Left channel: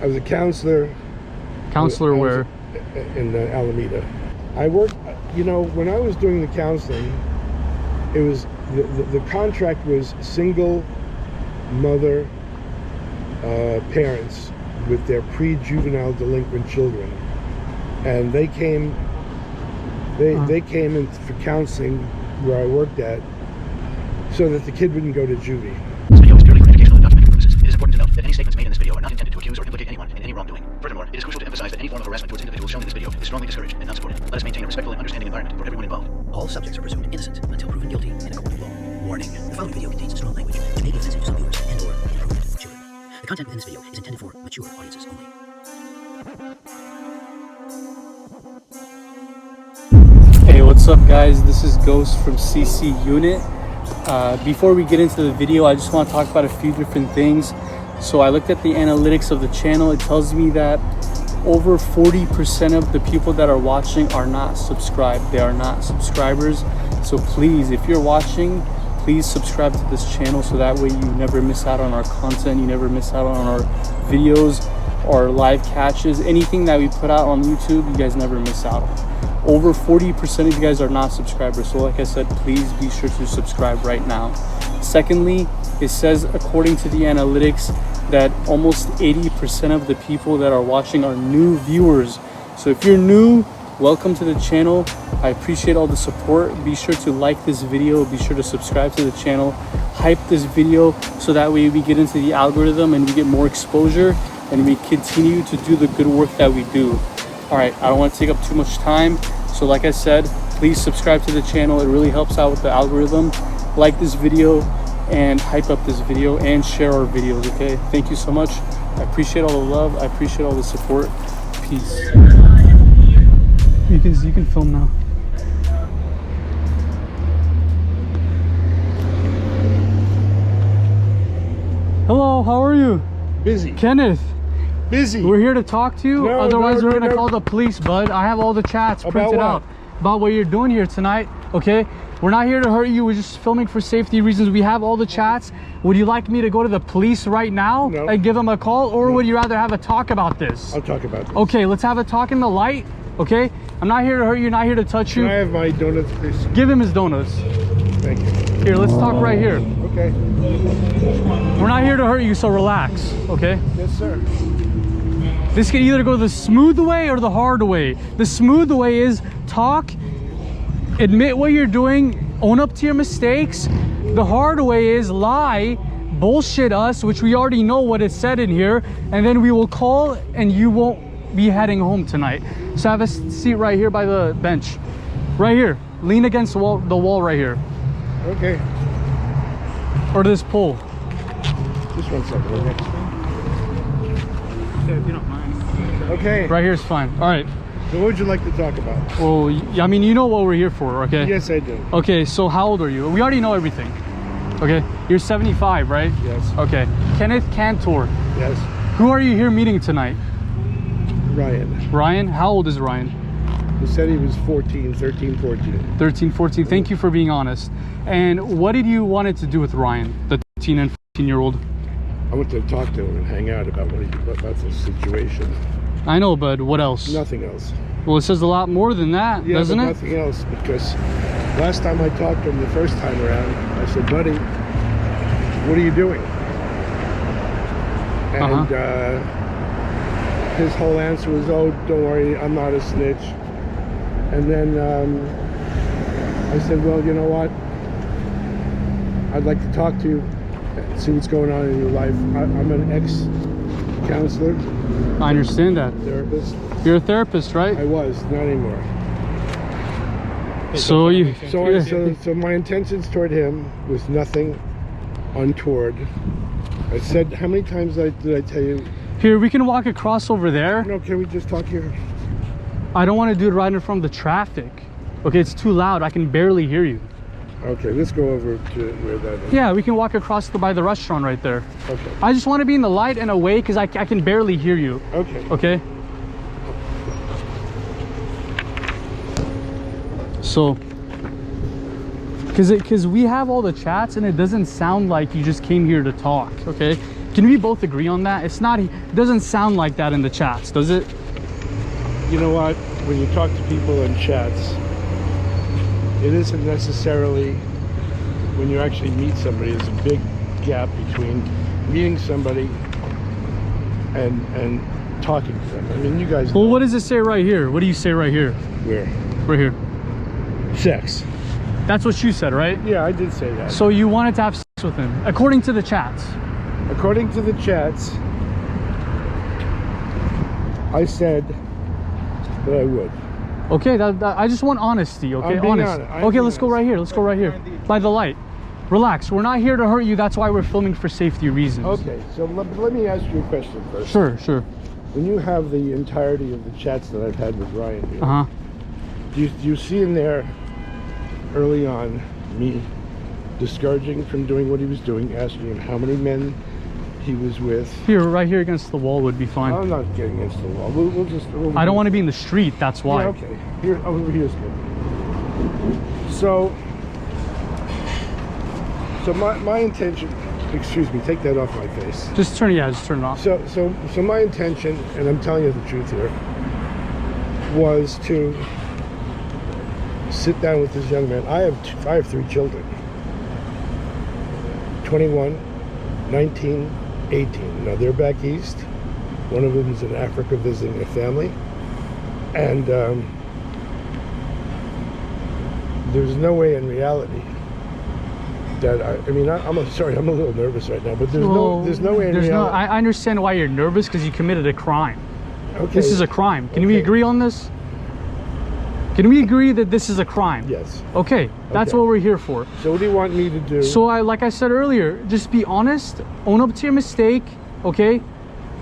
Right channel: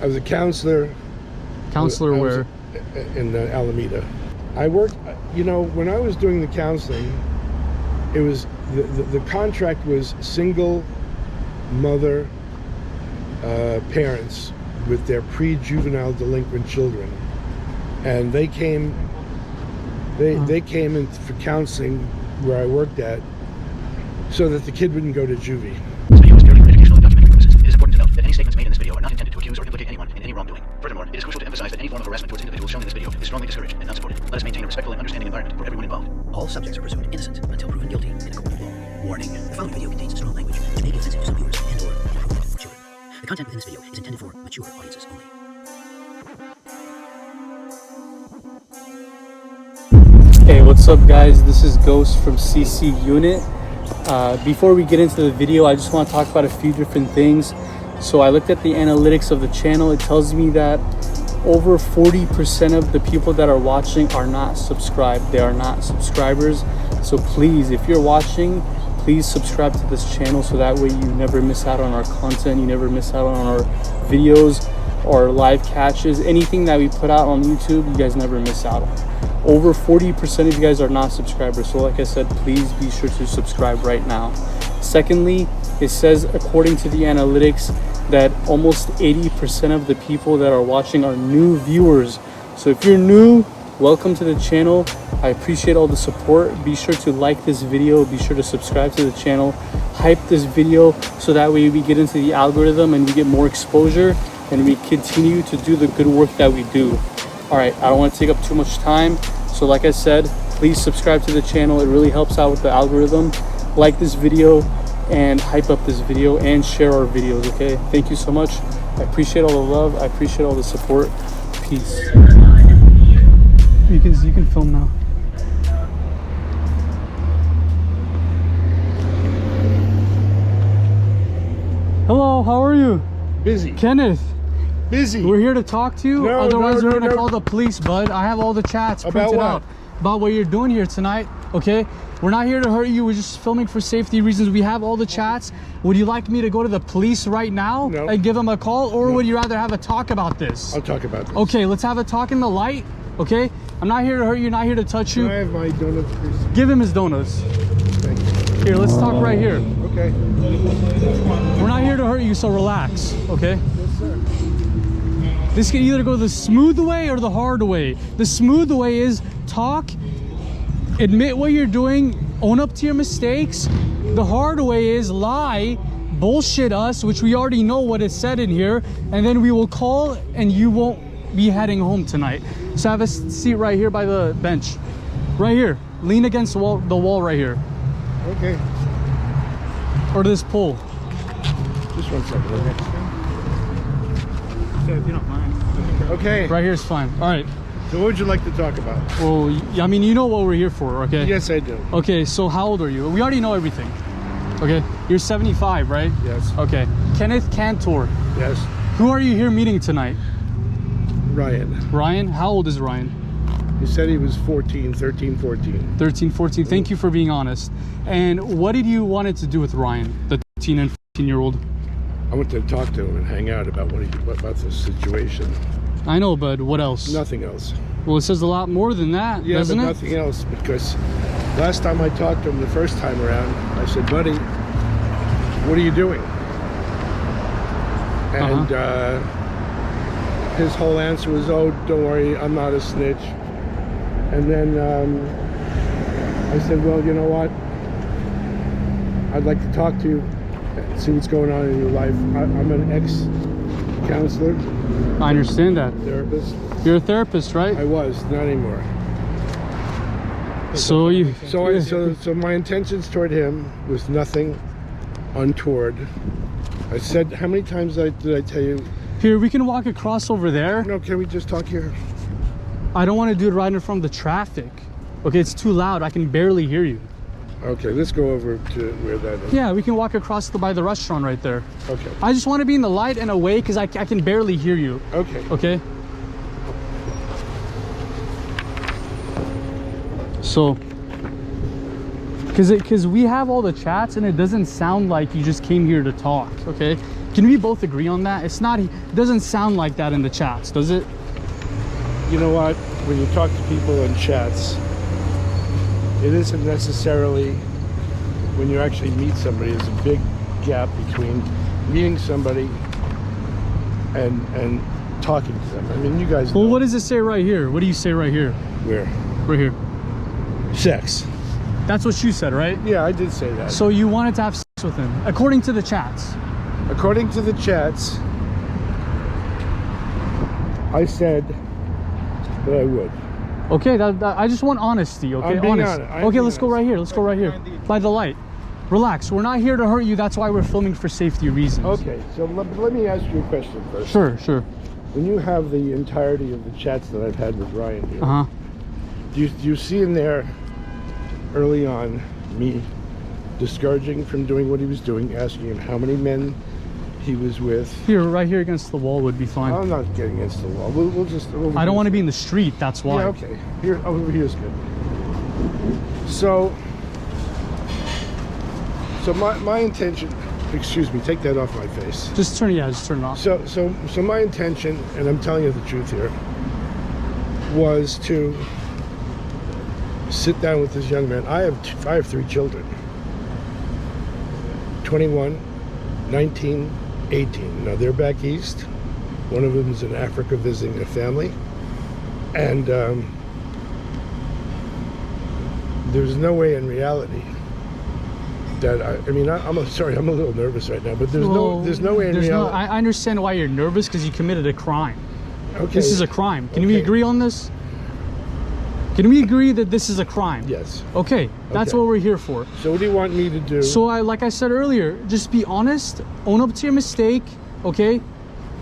I was a counselor. Counselor where? In Alameda. I worked, you know, when I was doing the counseling, it was, the contract was single mother parents with their pre-juvenile delinquent children. And they came, they came in for counseling where I worked at so that the kid wouldn't go to juvie. This video is purely for educational and documentary purposes. It is important to note that any statements made in this video are not intended to accuse or implicate anyone in any wrongdoing. Furthermore, it is crucial to emphasize that any form of harassment towards individuals shown in this video is strongly discouraged and not supported. Let us maintain a respectful and understanding environment for everyone involved. All subjects are presumed innocent until proven guilty in a court of law. Warning: the following video contains strong language which may be offensive to some viewers and/or inappropriate for children. The content within this video is intended for mature audiences only. Hey, what's up guys? This is Ghost from CC Unit. Before we get into the video, I just want to talk about a few different things. So I looked at the analytics of the channel. It tells me that over 40% of the people that are watching are not subscribed. They are not subscribers. So please, if you're watching, please subscribe to this channel so that way you never miss out on our content. You never miss out on our videos or live catches. Anything that we put out on YouTube, you guys never miss out on. Over 40% of you guys are not subscribers. So like I said, please be sure to subscribe right now. Secondly, it says according to the analytics that almost 80% of the people that are watching are new viewers. So if you're new, welcome to the channel. I appreciate all the support. Be sure to like this video. Be sure to subscribe to the channel. Hype this video so that way we get into the algorithm and we get more exposure and we continue to do the good work that we do. All right, I don't want to take up too much time. So like I said, please subscribe to the channel. It really helps out with the algorithm. Like this video and hype up this video and share our videos, okay? Thank you so much. I appreciate all the love. I appreciate all the support. Peace. You can film now. Hello, how are you? Busy. Kenneth. Busy. We're here to talk to you. No, Otherwise, no, we're gonna no. call the police, bud. I have all the chats printed out about what you're doing here tonight. Okay, we're not here to hurt you. We're just filming for safety reasons. We have all the chats. Would you like me to go to the police right now and give them a call, or would you rather have a talk about this? I'll talk about this. Okay, let's have a talk in the light. Okay, I'm not here to hurt you. Not here to touch you. Can I have my donuts, please? Give him his donuts. Thank you. Here, let's talk right here. Okay. We're not here to hurt you, so relax. Okay. Yes, sir. This can either go the smooth way or the hard way. The smooth way is talk, admit what you're doing, own up to your mistakes. The hard way is lie, bullshit us, which we already know what is said in here, and then we will call and you won't be heading home tonight. So have a seat right here by the bench. Right here. Lean against the wall right here. Okay. Or this pole. Just 1 second, okay? Yeah, if you don't mind. Okay. Right here is fine. All right. So what would you like to talk about? Well, I mean, you know what we're here for, okay? Yes, I do. Okay, so how old are you? We already know everything. Okay, you're 75, right? Yes. Okay, Kenneth Cantor. Yes. Who are you here meeting tonight? Ryan. Ryan? How old is Ryan? He said he was 13, 14. 13, 14. Thank you for being honest. And what did you wanted to do with Ryan, the 13 and 14-year-old? I went to talk to him and hang out about about the situation. I know, but what else? Nothing else. Well, it says a lot more than that, Yeah, doesn't but it? nothing else, because last time I talked to him the first time around, I said, buddy, what are you doing? And his whole answer was, oh, don't worry, I'm not a snitch. And then I said, well, you know what? I'd like to talk to you and see what's going on in your life. I'm an ex-counselor. I understand that. Therapist. You're a therapist, right? I was, not anymore. So you... So my intentions toward him was nothing untoward. I said, how many times did I tell you? Here, we can walk across over there. No, can we just talk here? I don't want to do it right in front of the traffic. Okay, it's too loud. I can barely hear you. Okay, let's go over to where that is. Yeah, we can walk across by the restaurant right there. Okay. I just want to be in the light and away because I can barely hear you. Okay. Okay? So, because we have all the chats and it doesn't sound like you just came here to talk, okay? Can we both agree on that? It's not, it doesn't sound like that in the chats, does it? You know what? When you talk to people in chats, it isn't necessarily when you actually meet somebody. There's a big gap between meeting somebody and talking to them. I mean, you guys know. Well, what does it say right here? What do you say right here? Where? Right here. Sex. That's what you said, right? Yeah, I did say that. So you wanted to have sex with him, according to the chats. According to the chats, I said that I would. Okay, I just want honesty, okay? I'm being Honest. honest. I'm Okay, being let's go right here. Let's go right here. By the light. Relax. We're not here to hurt you. That's why we're filming for safety reasons. Okay, so let me ask you a question first. Sure, sure. When you have the entirety of the chats that I've had with Ryan here, Uh-huh. you see in there early on me discouraging from doing what he was doing, asking him how many men he was with. Here, right here against the wall would be fine. I'm not getting against the wall. We'll I don't want to be in the street, that's why. Yeah, okay. Here, over here's good. So my intention, excuse me, take that off my face. Just turn it off. So my intention, and I'm telling you the truth here, was to sit down with this young man. I have 3 children. 21, 19, 18. Now they're back east. One of them is in Africa visiting a family. And there's no way in reality that I'm sorry, I'm a little nervous right now, but there's no way in reality. I understand why you're nervous, because you committed a crime. Okay. This is a crime. Can we Okay. agree on this? Can we agree that this is a crime? Yes. Okay, that's Okay. what we're here for. So what do you want me to do? So like I said earlier, just be honest, own up to your mistake, okay?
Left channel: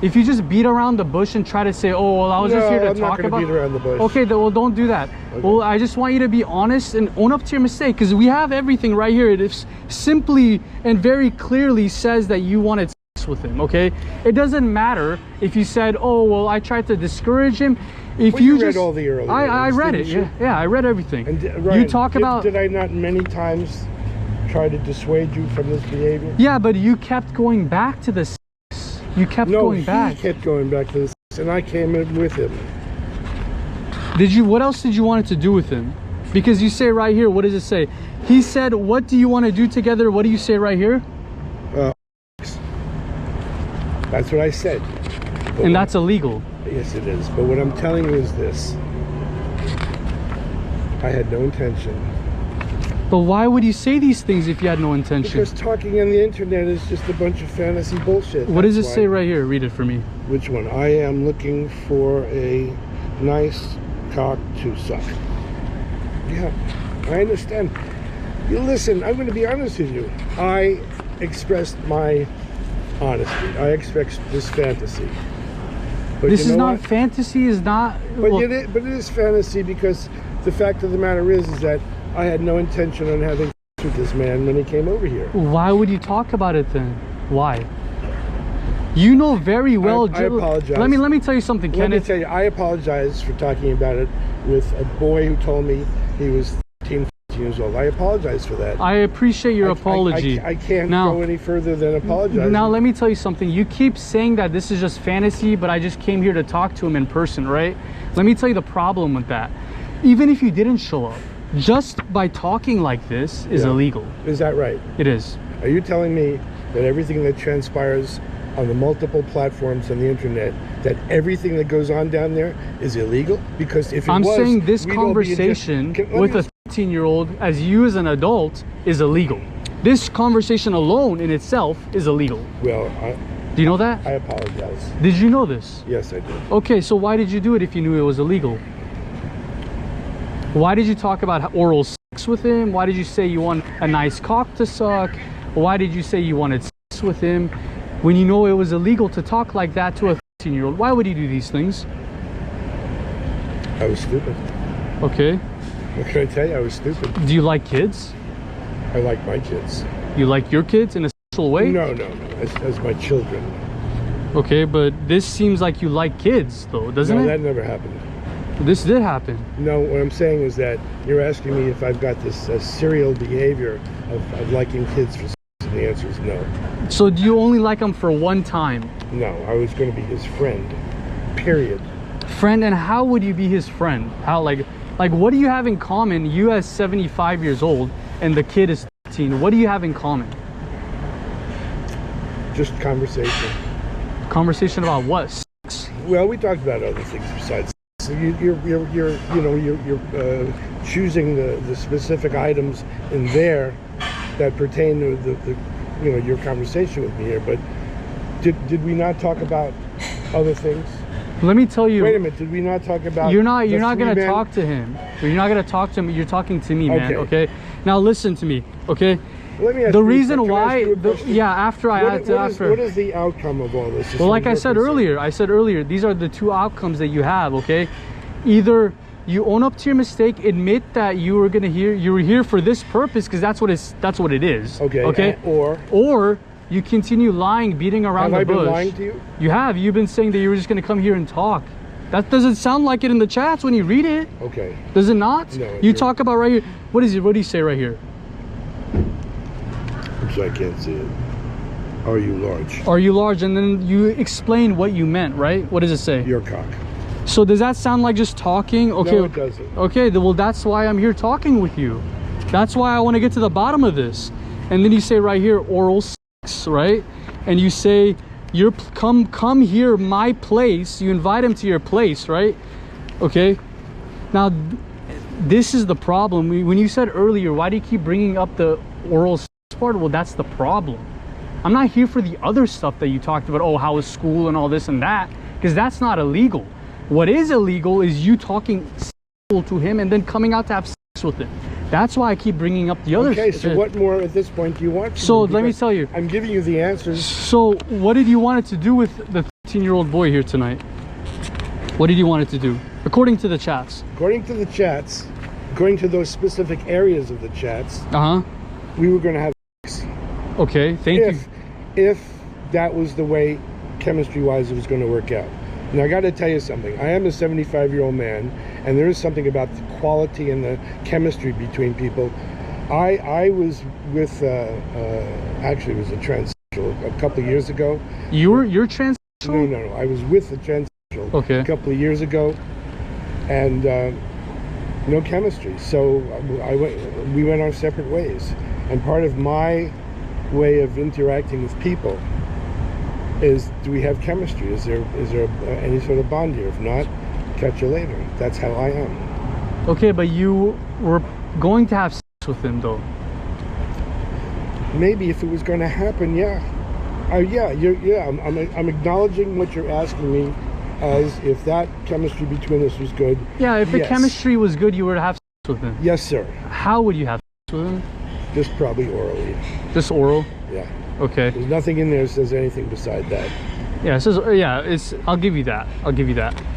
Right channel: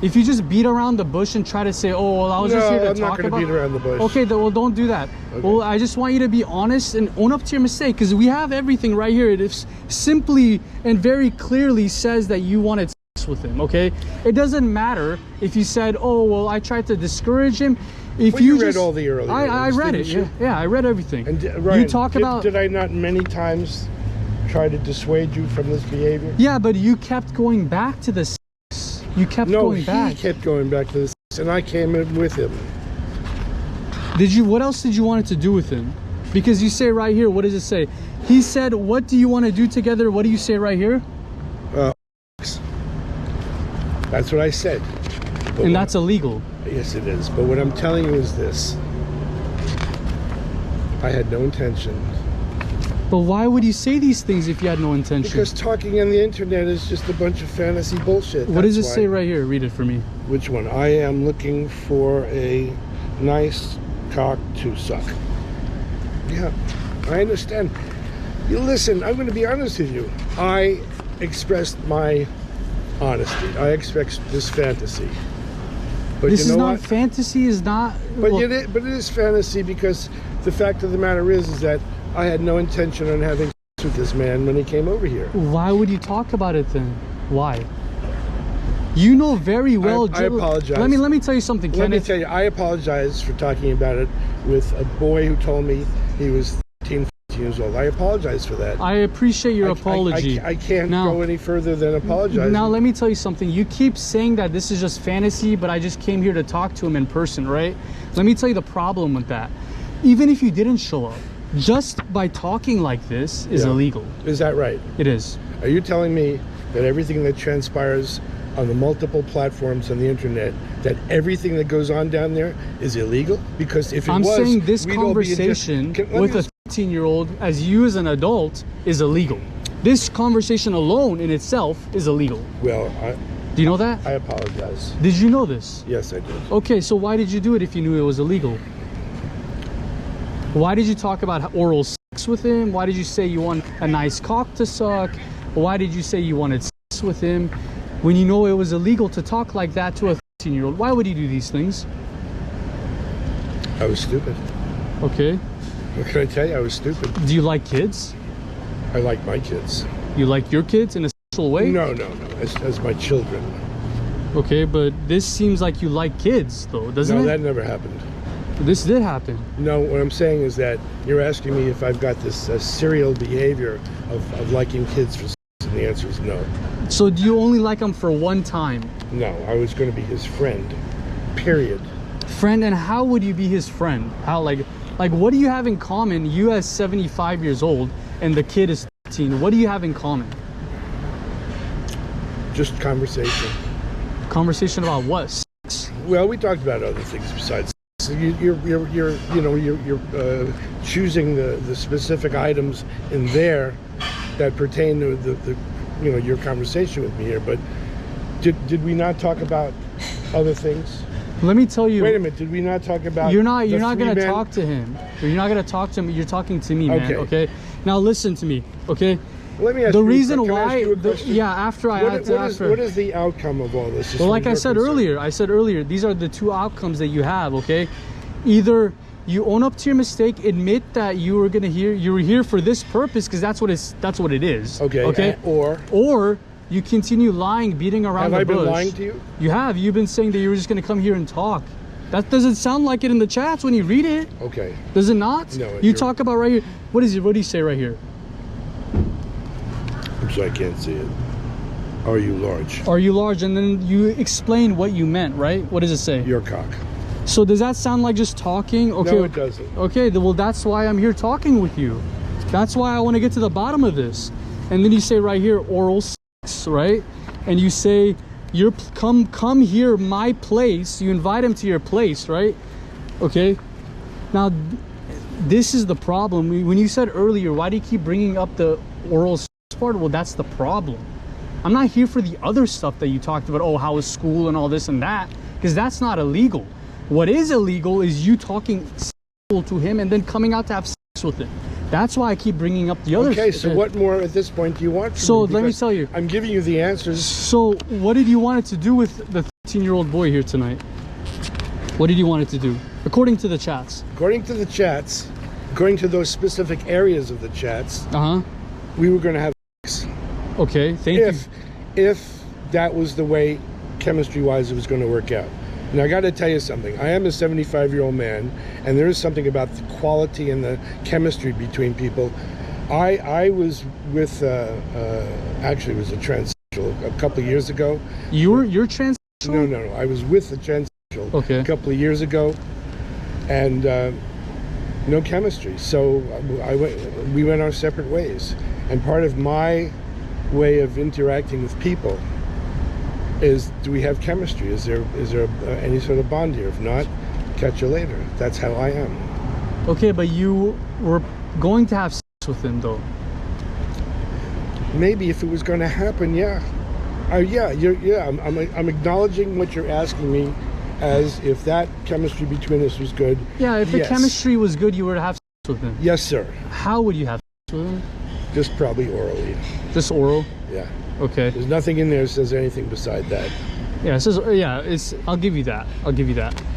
If you just beat around the bush and try to say, oh, well, I was just here to I'm not talk gonna about. beat around the bush. Okay, well, don't do that. Okay. Well, I just want you to be honest and own up to your mistake, because we have everything right here. It is simply and very clearly says that you wanted sex with him, okay? It doesn't matter if you said, oh, well, I tried to discourage him. If Well, you read all the earlier I ones, read it, didn't you? yeah, I read everything. And Ryan, you talk about. Did I not many times try to dissuade you from this behavior? Yeah, but you kept going back to this. You kept going back. he kept going back to this, and I came in with him. Did you? What else did you want to do with him? Because you say right here, what does it say? He said, what do you want to do together? What do you say right here? That's what I said. But And that's illegal. yes, it is. But what I'm telling you is this: I had no intention. But why would you say these things if you had no intention? Because talking on the internet is just a bunch of fantasy bullshit. What does it That's say why. right here? Read it for me. Which one? I am looking for a nice cock to suck. Yeah, I understand. You listen, I'm going to be honest with you. I expressed my honesty. I expressed this fantasy. But This you is know not what? fantasy, is not. But, well, but it is fantasy, because the fact of the matter is that I had no intention on having sex with this man when he came over here. why would you talk about it then? Why? You know very well. I apologize. Let me tell you something, Let me Kenneth. tell you, I apologize for talking about it with a boy who told me he was 13, 14 years old. I apologize for that. I appreciate your apology. I can't Now- go any further than apologize. Now let me tell you something. You keep saying that this is just fantasy, but I just came here to talk to him in person, right? Let me tell you the problem with that. Even if you didn't show up, just by talking like this is Yeah. illegal. Is that right? It is. Are you telling me that everything that transpires on the multiple platforms on the internet, that everything that goes on down there is illegal? Because if it I'm was, saying this we'd all be in conversation Can- let with me a 13-year-old as you as an adult is illegal. This conversation alone in itself is illegal. Well, Do you know that? I apologize. Did you know this? Yes, I did. Okay, so why did you do it if you knew it was illegal? Why did you talk about oral sex with him? Why did you say you want a nice cock to suck? Why did you say you wanted sex with him when you know it was illegal to talk like that to a 13-year-old? Why would you do these things? I was stupid. Okay. What can I tell you? I was stupid. Do you like kids? I like my kids. You like your kids in a sexual way? No. As my children. Okay, but this seems like you like kids, though, doesn't No, it? that never happened. This did happen. No, what I'm saying is that you're asking me if I've got this serial behavior of liking kids for sex, and the answer is no. So do you only like him for one time? No, I was going to be his friend. Period. Friend, and how would you be his friend? How, like what do you have in common? You as 75 years old and the kid is 13. What do you have in common? Just conversation. Conversation about what? Sex? Well, we talked about other things besides. So you're choosing the specific items in there that pertain to the your conversation with me here. But did we not talk about other things? Let me tell you. Wait a minute. Did we not talk about? You're not gonna men? talk to him. You're not gonna talk to him. You're talking to me, man. Okay. Okay. Now listen to me. Okay. Let me ask The you, reason can I ask why, you a question? after I had to after. What is the outcome of all this? Well, like I said earlier, these are the two outcomes that you have. Okay. Either you own up to your mistake, admit that you were here for this purpose because that's what it is. Okay. Okay. Or you continue lying, beating around the bush. Have I been lying to you? You have. You've been saying that you were just going to come here and talk. That doesn't sound like it in the chats when you read it. Okay. Does it not? No. You talk about right here. What is it? What do you say right here? I'm sorry, I can't see it. Are you large? Are you large? And then you explain what you meant, right? What does it say? Your cock. So does that sound like just talking? Okay. No, it doesn't. Okay. Well, that's why I'm here talking with you. That's why I want to get to the bottom of this. And then you say right here, oral sex, right? And you say, you're come here, my place. You invite him to your place, right? Okay. Now, this is the problem. When you said earlier, why do you keep bringing up the oral sex part? Well, that's the problem. I'm not here for the other stuff that you talked about. Oh, how was school and all this and that, because that's not illegal. What is illegal is you talking to him and then coming out to have sex with him. That's why I keep bringing up the other stuff. Okay, so what more at this point do you want? So let me tell you. I'm giving you the answers. So what did you want it to do with the 13-year-old boy here tonight? What did you want it to do? According to the chats. According to the chats, according to those specific areas of the chats, we were going to have sex. Okay, thank you. If that was the way, chemistry-wise, it was going to work out. Now, I got to tell you something. I am a 75-year-old man, and there is something about the quality and the chemistry between people. I was with, actually, it was a transsexual a couple of years ago. You're transsexual? No. I was with a transsexual a couple of years ago, and no chemistry. So we went our separate ways. And part of my way of interacting with people is, do we have chemistry? Is there any sort of bond here? If not, catch you later. That's how I am. Okay, but you were going to have sex with him, though. Maybe if it was going to happen, yeah. I'm acknowledging what you're asking me, as if that chemistry between us was good. Yeah, if the chemistry was good, you would have sex with him. Yes, sir. How would you have sex with him? Just probably orally. Just oral? Yeah. Okay. There's nothing in there that says anything beside that. Yeah, it says, it's, I'll give you that.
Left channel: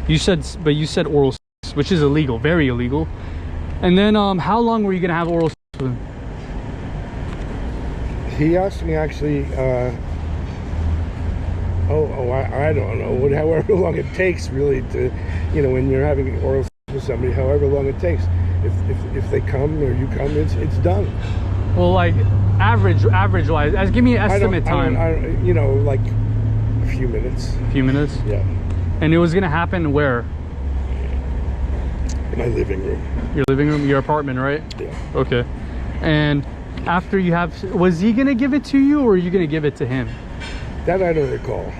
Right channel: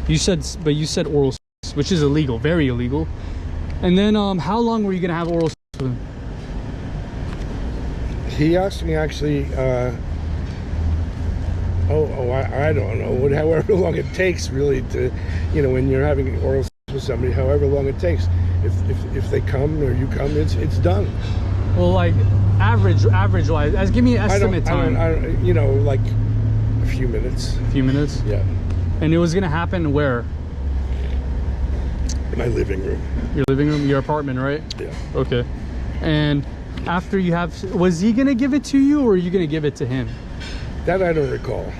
You said oral sex, which is illegal, very illegal. And then, how long were you going to have oral sex with him? He asked me actually, I don't know, however long it takes really to, when you're having oral sex with somebody, however long it takes. If they come or you come, it's done. Well, like average wise, give me an estimate time. Like a few minutes. A few minutes? Yeah. And it was gonna happen where? In my living room. Your living room, your apartment, right? Yeah. Okay. And after you was he gonna give it to you, or are you gonna give it to him? That I don't recall.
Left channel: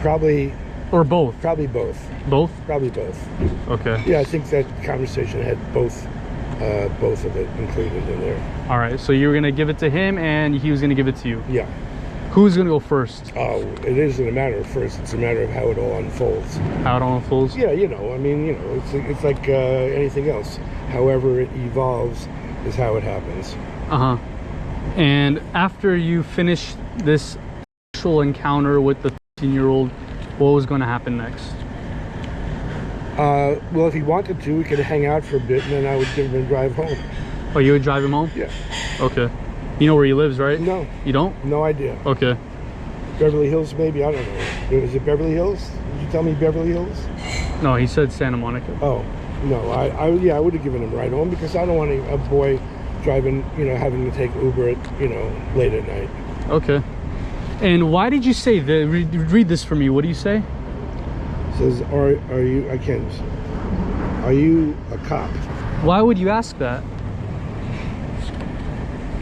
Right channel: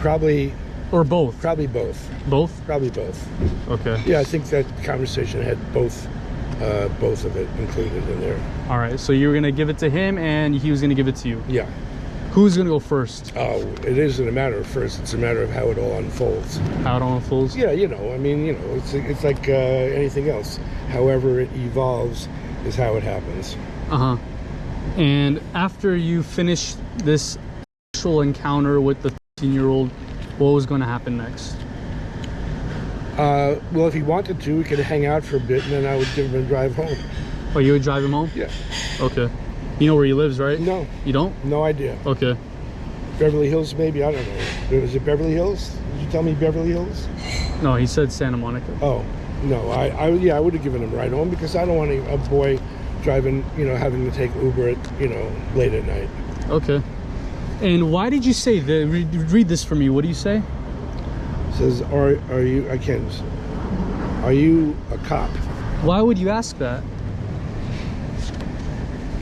Probably. Or both? Probably both. Both? Probably both. Okay. Yeah, I think that conversation had both of it included in there. All right, so you were gonna give it to him, and he was gonna give it to you. Yeah. Who's gonna go first? Oh, it isn't a matter of first. It's a matter of how it all unfolds. How it all unfolds? Yeah, it's like anything else. However it evolves is how it happens. And after you finish this sexual encounter with the 13-year-old, what was going to happen next? Well, if he wanted to, we could hang out for a bit, and then I would give him a drive home. Oh, you would drive him home? Yeah. Okay. You know where he lives, right? No. You don't? No idea. Okay. Beverly Hills, maybe? I don't know. Was it Beverly Hills? Did you tell me Beverly Hills? No, he said Santa Monica. Oh, no. I would have given him a ride home, because I don't want a boy driving, having to take Uber at, late at night. Okay. And why did you say that? Read this for me. What do you say? It says, are you, I can't, are you a cop? Why would you ask that?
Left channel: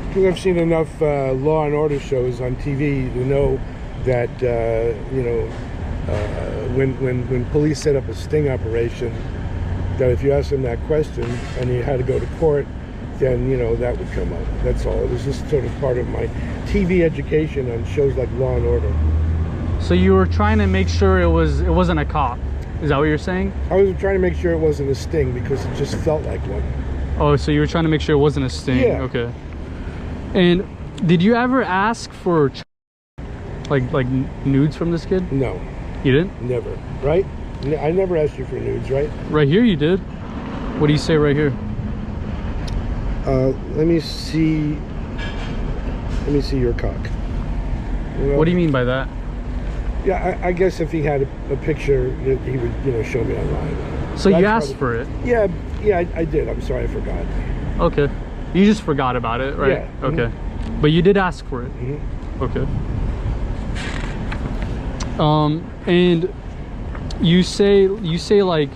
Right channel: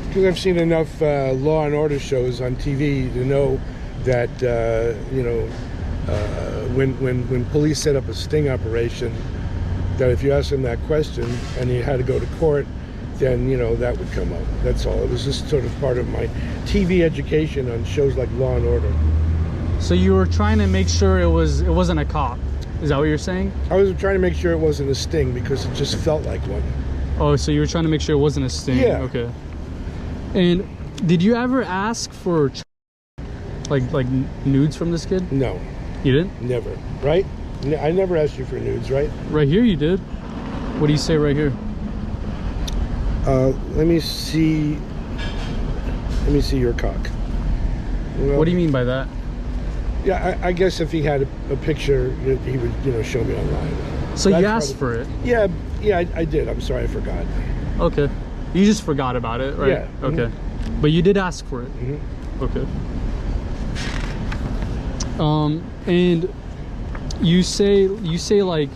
Because I've seen enough Law and Order shows on TV to know that you know, when police set up a sting operation, that if you ask them that question and you had to go to court, then you know that would come up. That's all. It was just sort of part of my TV education on shows like Law and Order. So you were trying to make sure it wasn't a cop. Is that what you're saying? I was trying to make sure it wasn't a sting because it just felt like one. Oh, so you were trying to make sure it wasn't a sting. Yeah. Okay. And did you ever ask for like nudes from this kid? No, You didn't? never. Right? I never asked you for nudes, right? Right here you did. What do you say right here? Let me see. Let me see your cock. Well, What do you mean by that? Yeah, I guess if he had a picture, he would, you know, show me online. So you That's asked probably- for it. Yeah, I did. I'm sorry, I forgot. Okay. You just forgot about it, right? Yeah. Okay. But you did ask for it. Mm-hmm. Okay. And you say like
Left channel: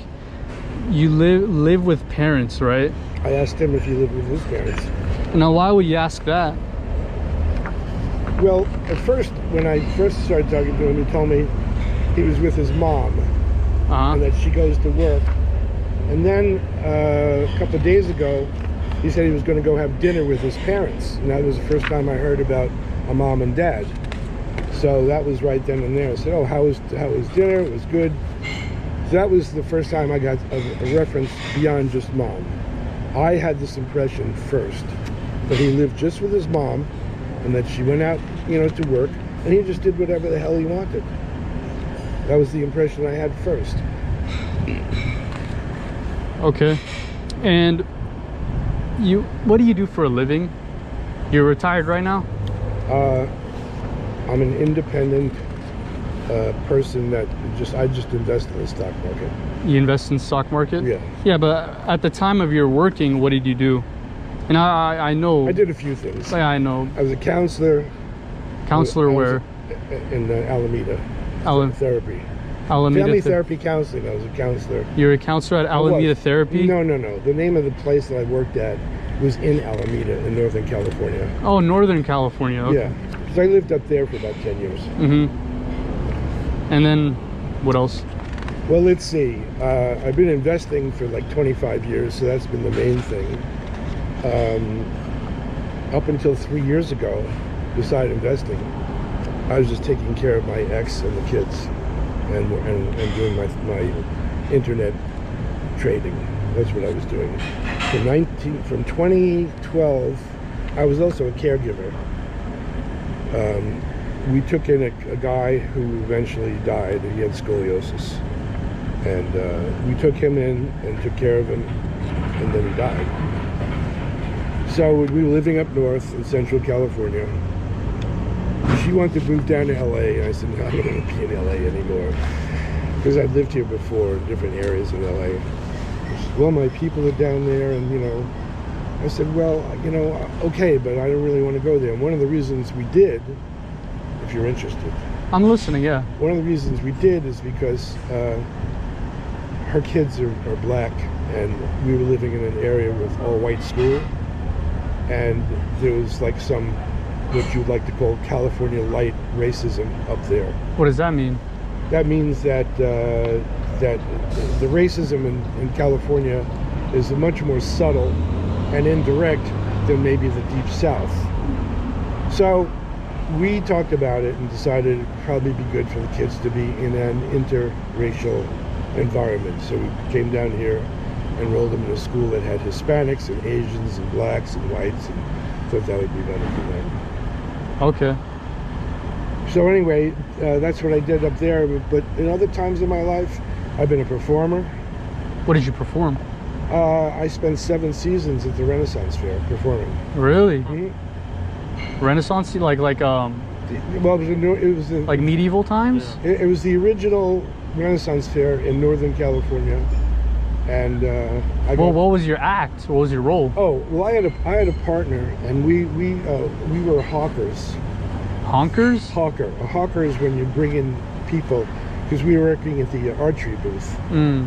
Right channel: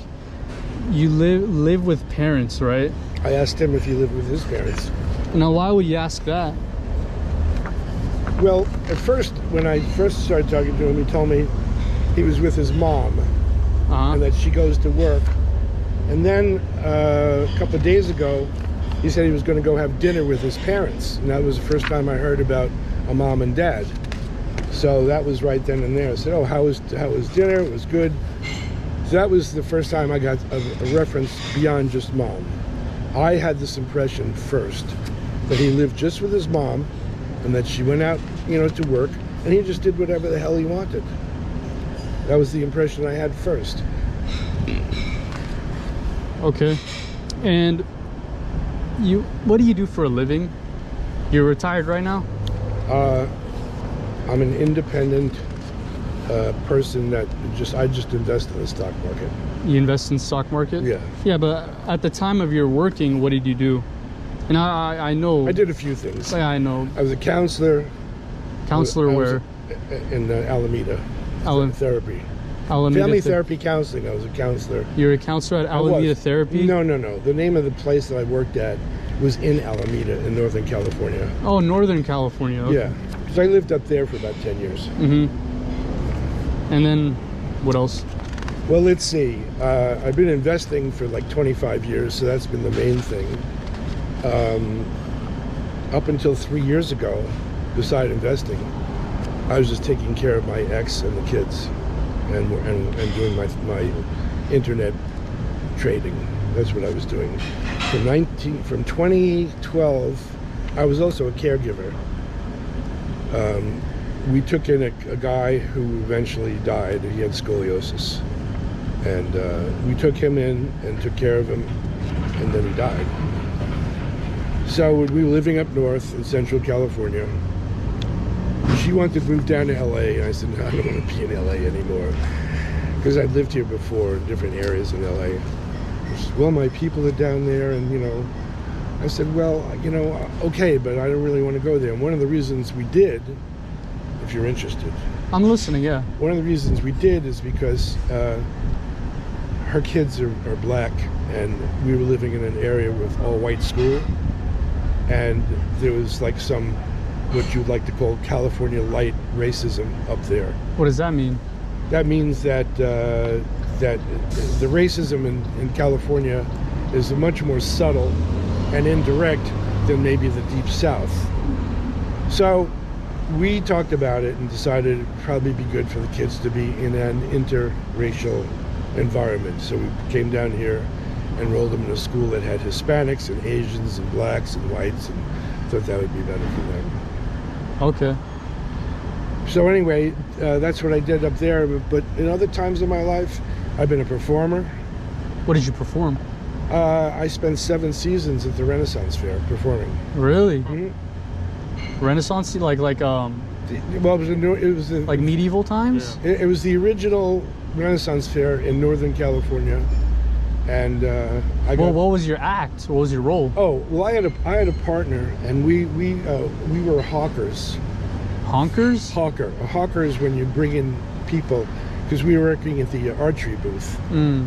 you live with parents, right? I asked him if he lived with his parents. Now why would you ask that? Well, at first, when I first started talking to him, he told me he was with his mom and that she goes to work. And then a couple of days ago, he said he was going to go have dinner with his parents. And that was the first time I heard about a mom and dad. So that was right then and there. I said, oh, how was dinner? It was good. So that was the first time I got a reference beyond just mom. I had this impression first that he lived just with his mom and that she went out, you know, to work, and he just did whatever the hell he wanted. That was the impression I had first. Okay. And what do you do for a living? You're retired right now? I'm an independent person that I just invest in the stock market. You invest in stock market? Yeah. Yeah, but at the time of your working, what did you do? And I know. I did a few things. Yeah, I know. I was a counselor. Counselor I was where? In Alameda. Therapy. Alameda Family therapy counseling. I was a counselor. You're a counselor at Alameda Therapy? No. The name of the place that I worked at was in Alameda in Northern California. Oh, Northern California. Okay. Yeah, because I lived up there for about 10 years. And then what else? Well, let's see. I've been investing for like 25 years, so that's been the main thing. Up until 3 years ago, beside investing, I was just taking care of my ex and the kids and doing my internet trading. That's what I was doing. From 2012, I was also a caregiver. We took in a guy who eventually died. He had scoliosis. And we took him in and took care of him, and then he died. So we were living up north in Central California. She wanted to move down to LA, and I said, no, I don't want to be in LA anymore. Because I'd lived here before in different areas in LA. She said, well, my people are down there, and you know. I said, well, you know, okay, but I don't really want to go there. And one of the reasons we did, if you're interested. I'm listening, yeah. One of the reasons we did is because her kids are black, and we were living in an area with all white school, and there was like some, what you'd like to call California light racism up there. What does that mean? That means that that the racism in California is much more subtle and indirect than maybe the Deep South. So we talked about it and decided it'd probably be good for the kids to be in an interracial environment. So we came down here, enrolled them in a school that had Hispanics and Asians and blacks and whites, and thought that would be better for them. Okay. So anyway, that's what I did up there. But in other times in my life, I've been a performer. What did you perform? I spent 7 seasons at the Renaissance Fair performing. Really? Mm-hmm. Renaissance, like Well, it was like medieval times? It was the original Renaissance Fair in Northern California, and Well, what was your act? What was your role? Oh, well, I had a partner, and we were hawkers. Honkers? Hawker. A hawker is when you bring in people, because we were working at the archery booth. Mm.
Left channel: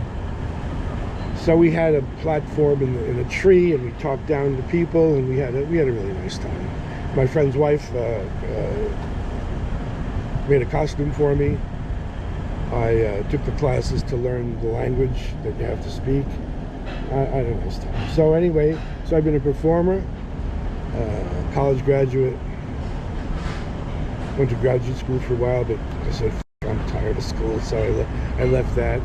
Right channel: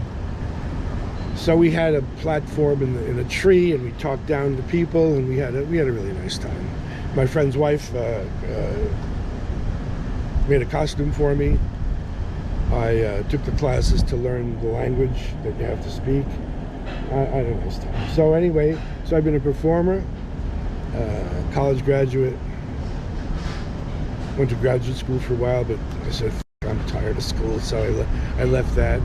So we had a platform in a tree, and we talked down to people, and we had a really nice time. My friend's wife made a costume for me. I took the classes to learn the language that you have to speak. I had a nice time. So anyway, I've been a performer, college graduate. Went to graduate school for a while, but I said, I'm tired of school, so I left that.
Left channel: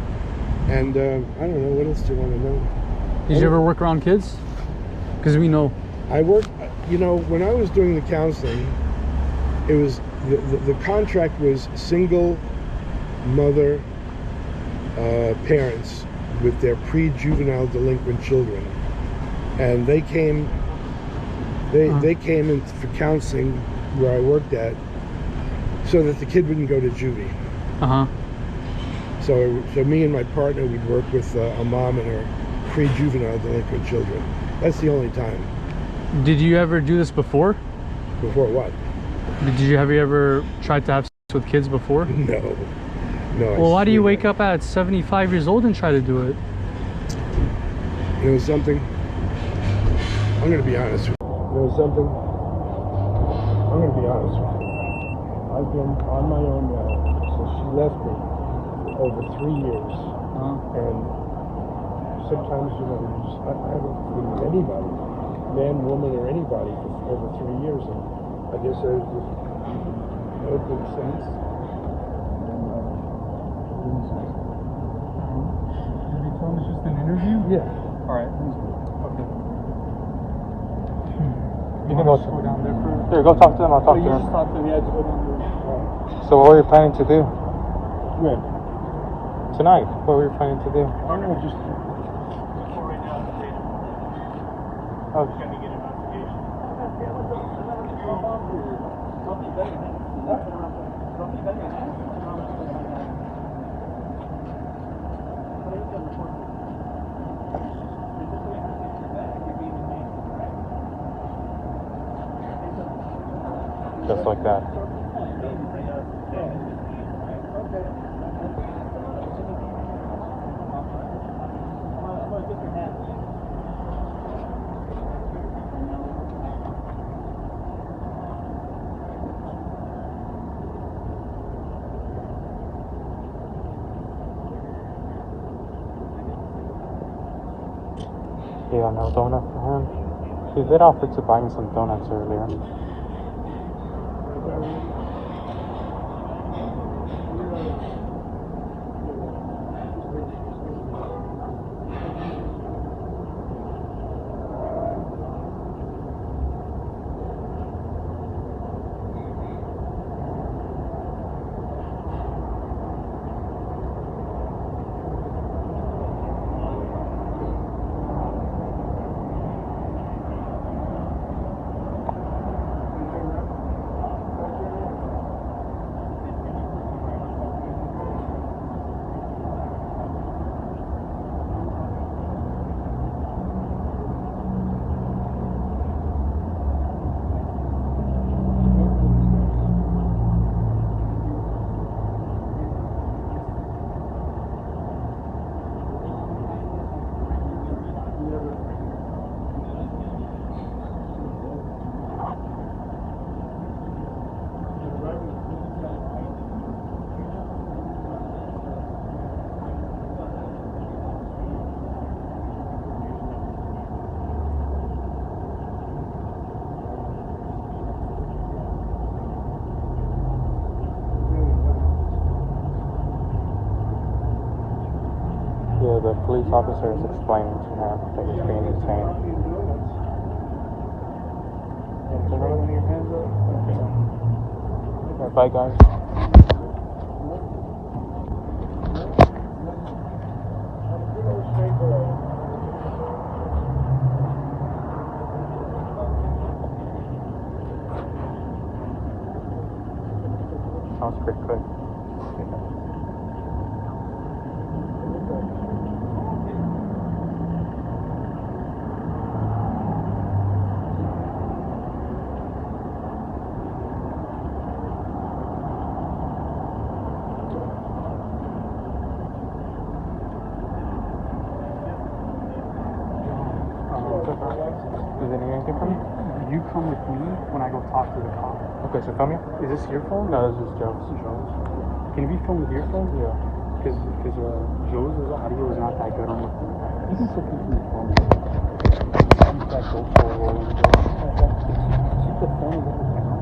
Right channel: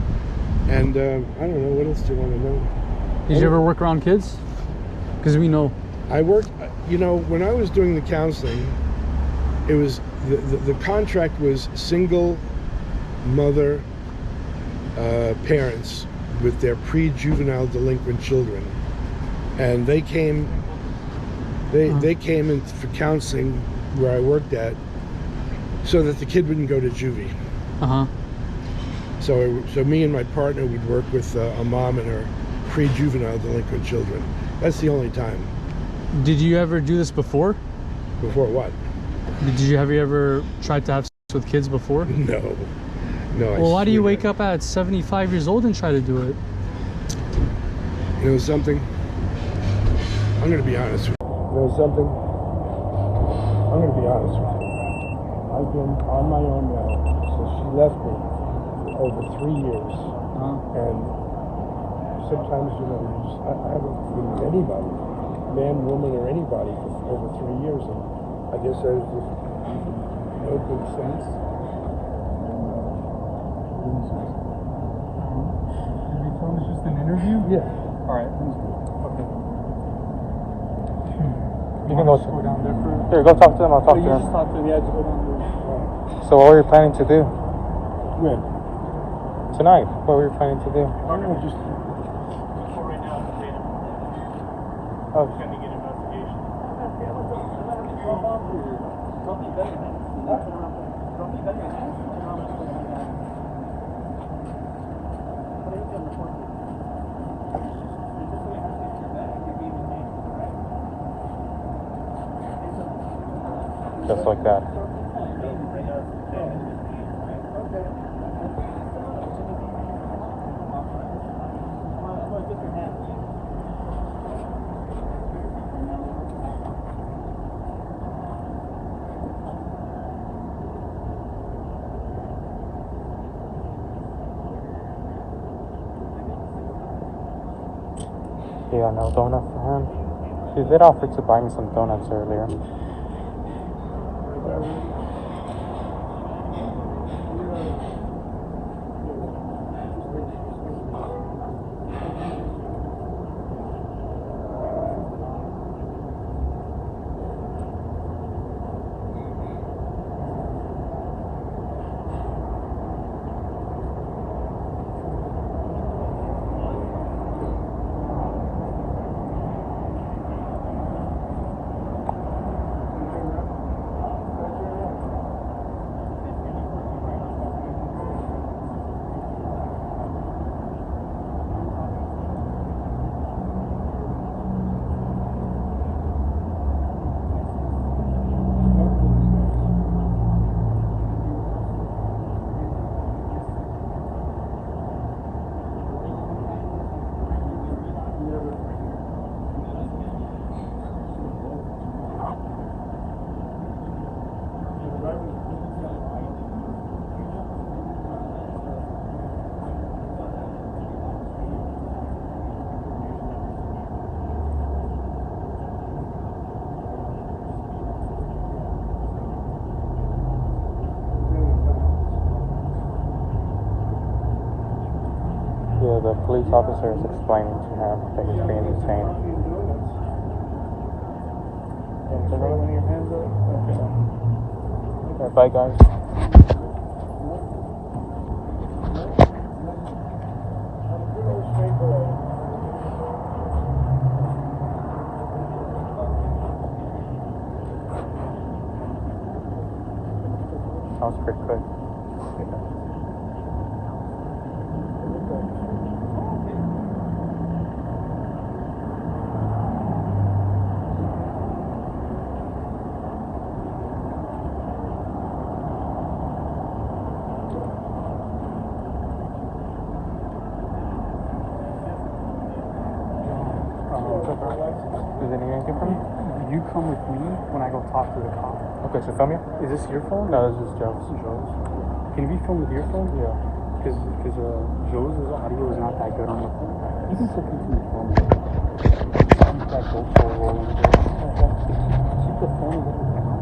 And I don't know, what else do you want to know? Did you ever work around kids? Because we know. I worked, you know, when I was doing the counseling, it was, the contract was single mother parents with their pre-juvenile delinquent children. And they came, they came in for counseling where I worked at, so that the kid wouldn't go to juvie. Uh-huh. So me and my partner would work with a mom and her pre-juvenile delinquent children. That's the only time. Did you ever do this before? Before what? Have you ever tried to have sex with kids before? No. Well, why do you wake up at 75 years old and try to do it? You know something? I'm going to be honest with you. You know something? I'm going to be honest with you. I've been on my own now since she left me over 3 years. And sometimes, you know, I haven't been with anybody, man, woman, or anybody for over 3 years. And I guess it made sense. Did you tell him it's just an interview? Yeah. Alright, please do. Okay. You can go down there for... Here, go talk to them. I'll talk to You them. just talk to him, yeah, just go down there. So what were you planning to do Good. tonight? What were you planning to do? I don't know, just... Oh. Just like that. Yeah, no donut for him. She did offer to buy me some donuts earlier. Yeah, the police officer was explaining to her that he's being detained. Bye, guys. Sounds pretty good. Is there anything for me? You come with me when I go talk to the cop. Okay, so film me? Is this your phone? No, this is Joe's. Can you be filmed with your phone? Yeah. Because Joe's audio is not that good on the phone. You can still continue filming. That GoPro rolling. Keep the phone a little down.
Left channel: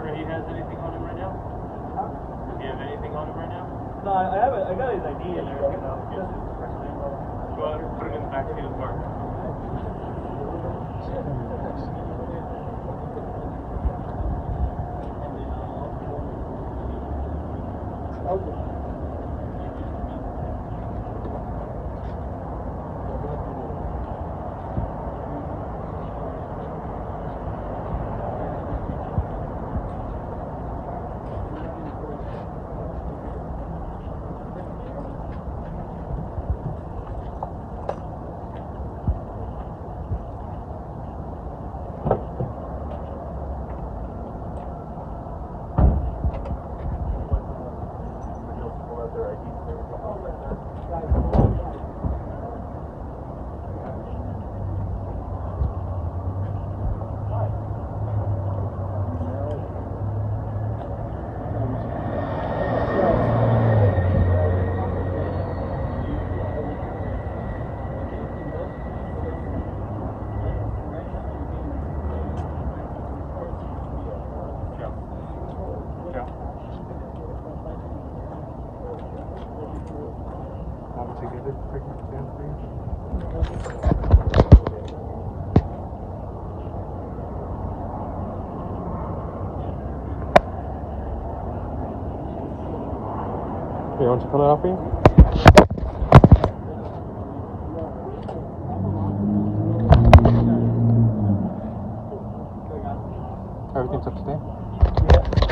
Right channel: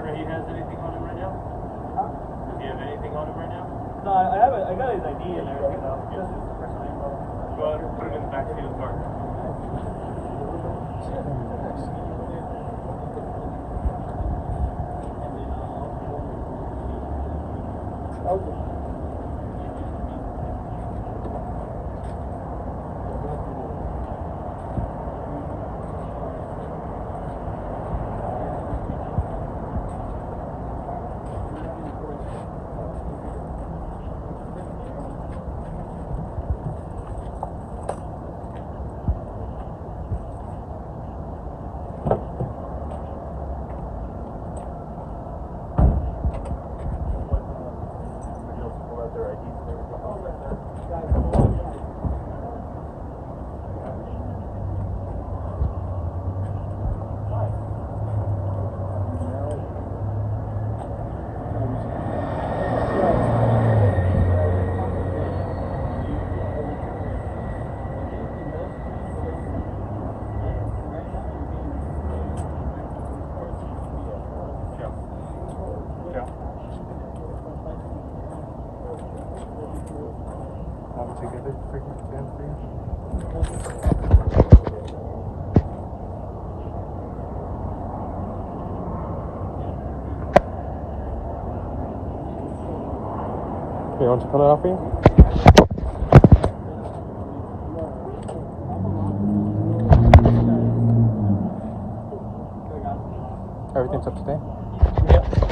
Parker, he has anything on him right now? Do you have anything on him right now? No, I haven't. I got his ID in there. Well, put him in the backseat of the car. Want me to get it? Stand for you? You want to pull it off for you? Everything's up to date?